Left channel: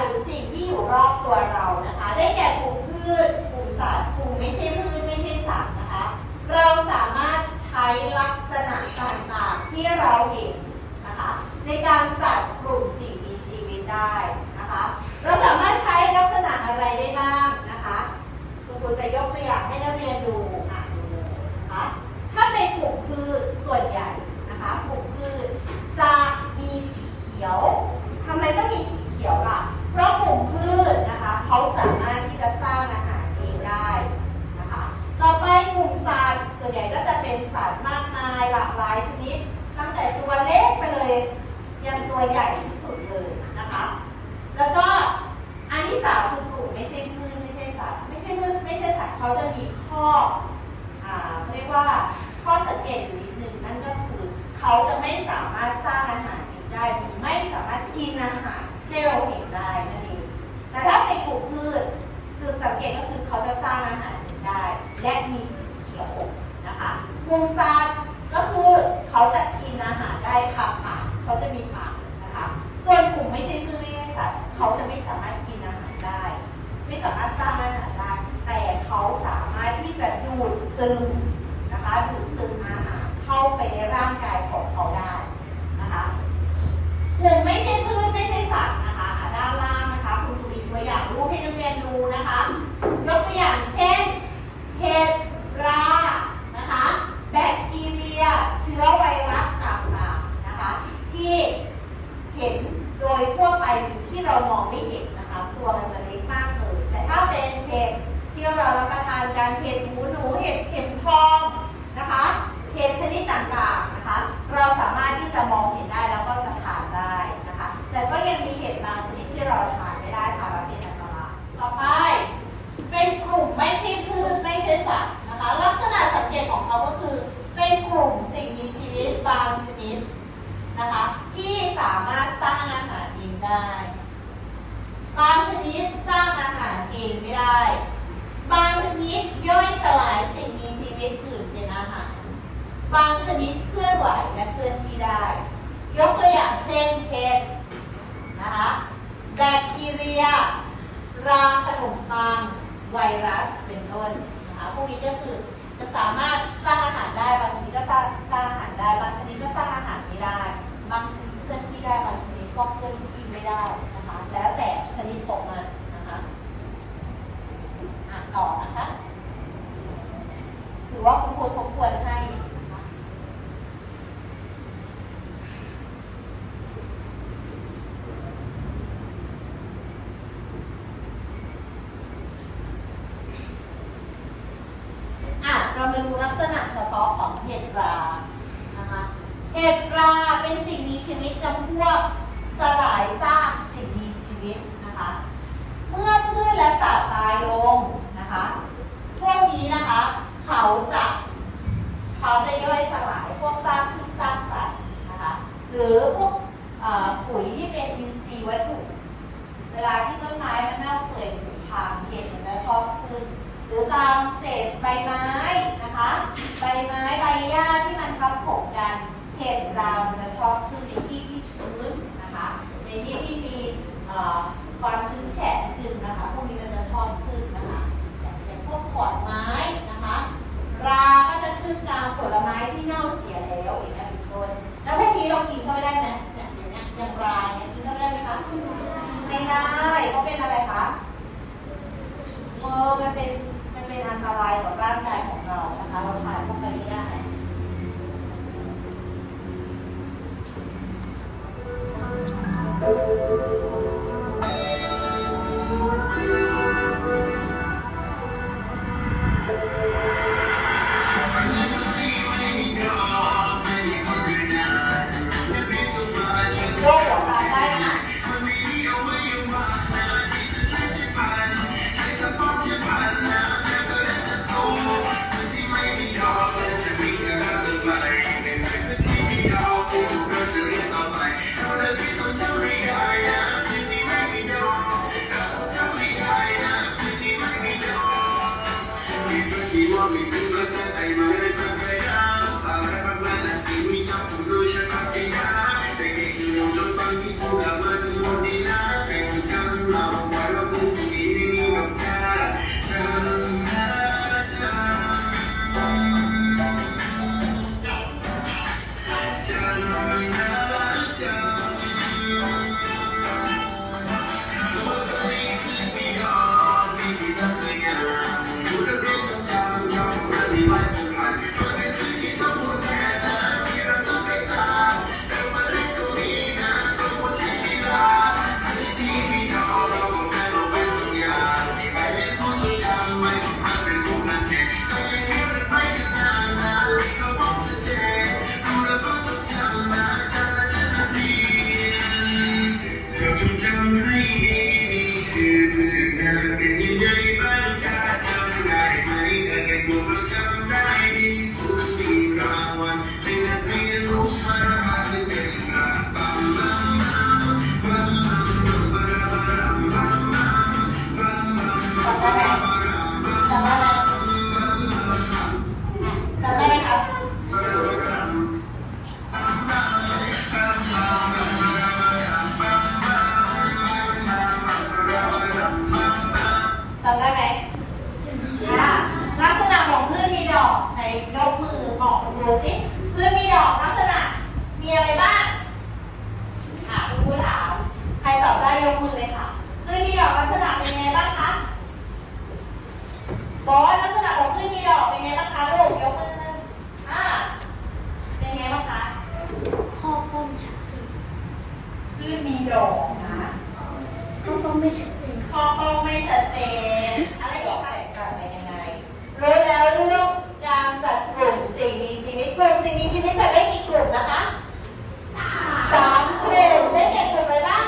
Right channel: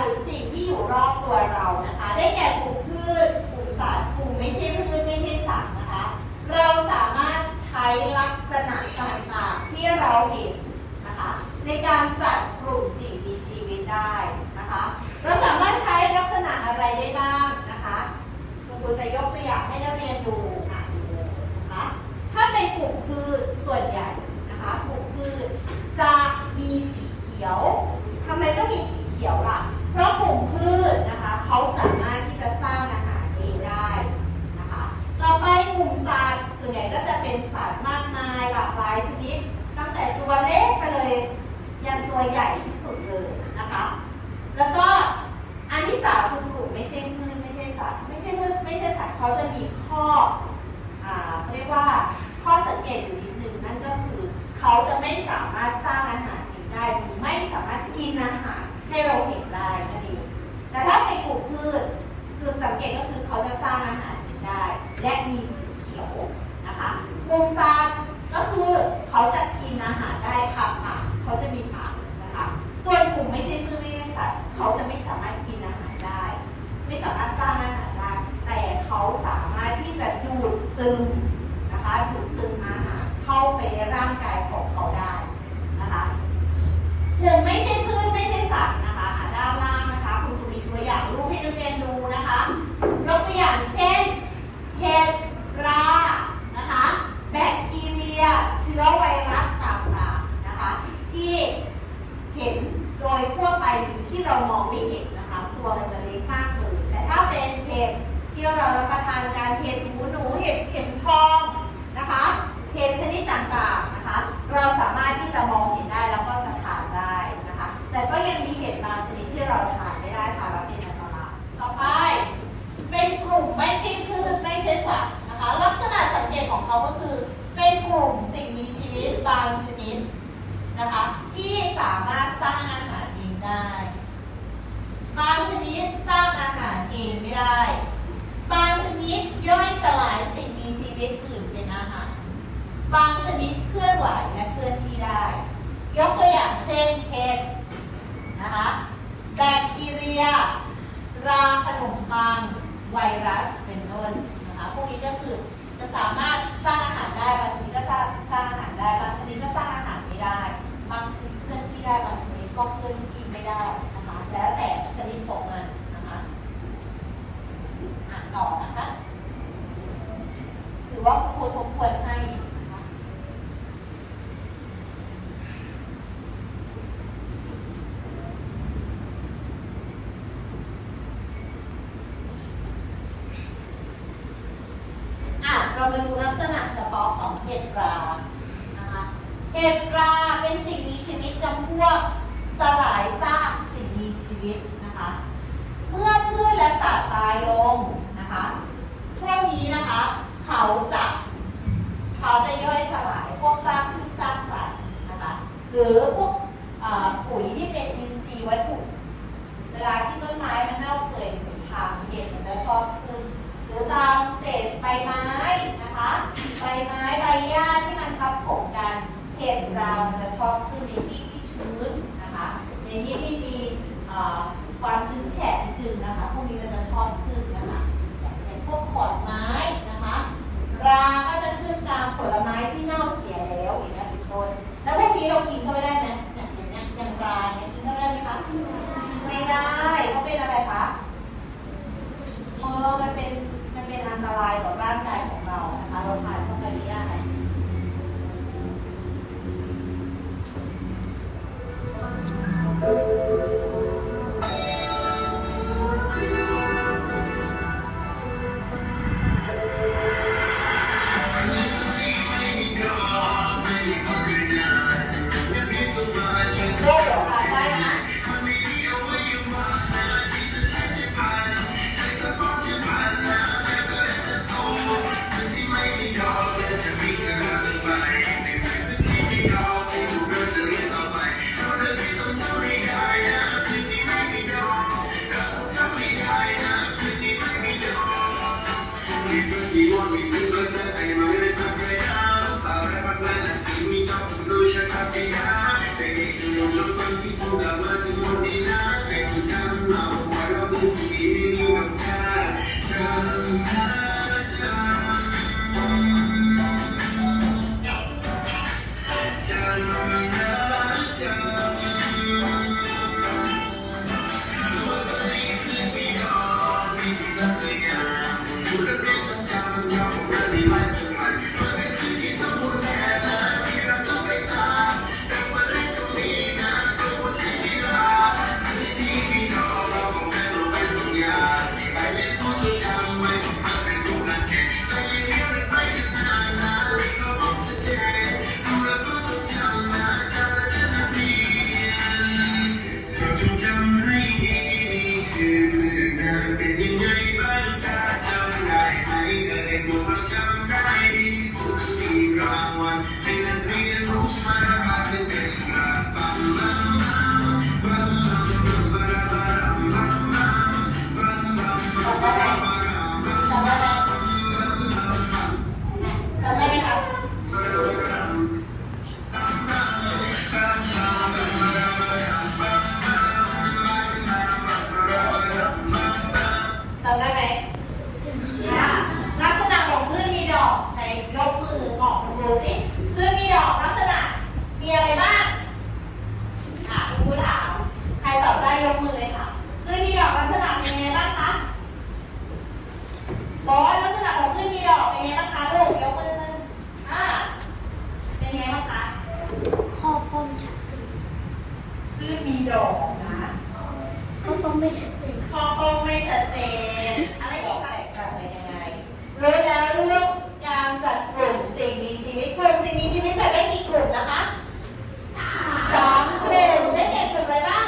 หรือสิ่งที่อยู่รอบตัวเรานะคะ ได้แก่กลุ่มพืชกลุ่มสัตว์กลุ่มไม่ใช่พืชไม่ใช่สัตว์นะคะ เราสามารถใช้ลักษณะต่างๆที่เราเห็นนะคะ ในการจัดกลุ่มสิ่งมีชีวิตได้นะคะ เราสามารถใช้ลักษณะอะไรได้บ้างนะคะคุณครูจะยกตัวอย่างให้นักเรียนดูอ่านะคะถ้าเป็นกลุ่มพืชส่วนใหญ่นะคะกลุ่มพืชจะมีสีเขียวทำไมต้องมีสีเขียวล่ะ ลุ่มพืชนะคะเขาสามารถที่จะสร้างอาหารเองได้นะคะต่อไปกลุ่มสัตว์ส่วนใหญ่ก็จะเป็นสัตว์มากมายหลากหลายชนิด ตั้งแต่ตัวเล็กไปเลย ยันตัวใหญ่ที่สุดเลยนะคะ แล้วก็อันที่สามคือกลุ่มไม่ใช่พืชไม่ใช่สัตว์ไม่ใช่พืชไม่ใช่สัตว์เขาจะมีข้ออ่าเรียกว่าข้อสังเกตอยู่นิดหนึ่งนั่นก็คือเขาจะไม่สามารถสร้างอาหารเองได้หรือไม่สามารถกินอาหารให้เราเห็นได้ แต่ถ้าเป็นกลุ่มพืชจุดสังเกตก็คือเขาจะสร้างอาหารได้ และมีสีเขียวนะคะกลุ่มสัตว์ก็คือเขาจะกินอาหารได้ขับผ่านเขาจะมีปากนะคะส่วนกลุ่มไม่ใช่พืชไม่ใช่สัตว์เขาจะไม่สามารถกินอาหารได้ ไม่สามารถสร้างอาหารได้ แต่เขาสามารถที่จะดูดซึมนะคะดูดซึมอาหารเข้าไปในร่างกายของเขาได้นะคะกลุ่มไม่ใช่พืชไม่ใช่สัตว์นะคะอะด้านล่างนะคะ คุณครูมีตัวอย่างรูปให้นักเรียนดูนะคะ ยกตัวอย่างเช่น เห็ดรานะคะ แบคทีเรีย เชื้อไวรัสต่างๆนะคะ ที่เห็น โดยทั่วไปที่เรามองไม่เห็นนะคะตัวมันจะเล็กมากเลยแต่ถ้าเป็นเห็ดที่เรารับประทานกันเห็ดหูหนูเห็ดเข็มทองนะคะเห็ดชนิดต่างๆนะคะเราสามารถที่จะมองเห็นได้แล้วก็จะทานได้นะคะแต่ก็ยังมีเห็ดบางชนิดที่เราทานไม่ได้ค่ะเราเป็นอันตรายต่อไปเป็นกลุ่มไม่ใช่พืชไม่ใช่สัตว์นะคะลักษณะสังเกตของเขาก็คือเป็นกลุ่มสิ่งมีชีวิตบางชนิดนะคะ ที่สามารถสร้างอาหารเองได้บางชนิดสร้างอาหารเองไม่ได้ บางชนิดย่อยสลายสิ่งมีชีวิตอื่นเป็นอาหาร บางชนิดเคลื่อนไหวและเคลื่อนที่ได้ ยกตัวอย่างเช่นเห็ดนะคะแบคทีเรีย ราขนมปังไวรัสเป็นต้นนะคะพวกนี้ก็คือจะสามารถสร้างอาหารได้บางชนิดก็สร้างสร้างอาหารได้ บางชนิดก็สร้างอาหารไม่ได้ บางชนิดเคลื่อนที่ได้ บางชนิดก็เคลื่อนที่ไม่ได้นะคะ แล้วแต่ชนิดของมันนะคะอ่านต่อนะคะถือว่าคุณครูทบทวนให้นะคะ อะเรามาดูลัก ษณะเฉพาะของเห็ดรานะคะเห็ดราเป็นสิ่งมีชีวิตจำพวกสลายซากสิ่งมีชีวิตนะคะ เมื่อพืชและสัตว์ตายลงนะคะ พวกนี้นะคะเขาจะเขาจะย่อยสลายพวกซากพืชซากสัตว์นะคะ หรือพวกปุ๋ยที่เป็นอินทรีย์วัตถุเวลาที่ต้นไม้มันเน่าเปื่อยหรือพังเห็ดจะชอบขึ้น หรือตามเศษใบไม้นะ ใบไม้ใบหญ้าที่มันทับถมกันเห็ดรามันจะชอบขึ้นในที่ที่ชื้นนะคะ ในที่ที่มีความชื้นแฉะนิดนึงนะคะ พวกนี้มันจะชอบขึ้นนะคะอย่างพวกขอนไม้นะคะราก็จะขึ้นตามผลไม้ที่เน่าเสียแล้วอย่างเงี้ยเป็นต้นแล้วพวกนี้เรากินเข้าไปได้ไหม Thank you. สิพือมีดอกลักษณะ มีอะไรบ้างถามคุณครูถามใครตอบได้ยกมือเลยค่ะคือมีดอกลักษณะเป็นยังไงบ้างคะบอกลักษณะของพืชมีดอกเป็นยังไงบ้างคะลูกยกมืออ่าเป็นยังไงบ้างคะขอบคมชัดเจนคือมีดอกนะขอบคมไม่ชัดเจนขอบคมไม่ชัดเจนอะไรอีกคะเป็นยังไงรู้แล้วเรื่องการจัด ลุ่มสิ่งมีชีวิตจะได้กี่กลุ่มนะคะสามกลุ่มได้แก่กลุ่มอะไรบ้าง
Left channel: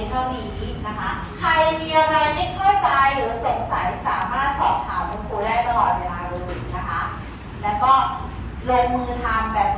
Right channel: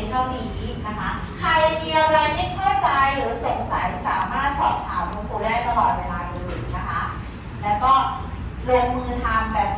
นเท่านี้นะคะ ใครมีอะไรไม่เข้าใจหรือสงสัยสามารถสอบถามคุณครูได้ตลอดเวลาเลยนะคะ แล้วก็ลงมือทำแบบ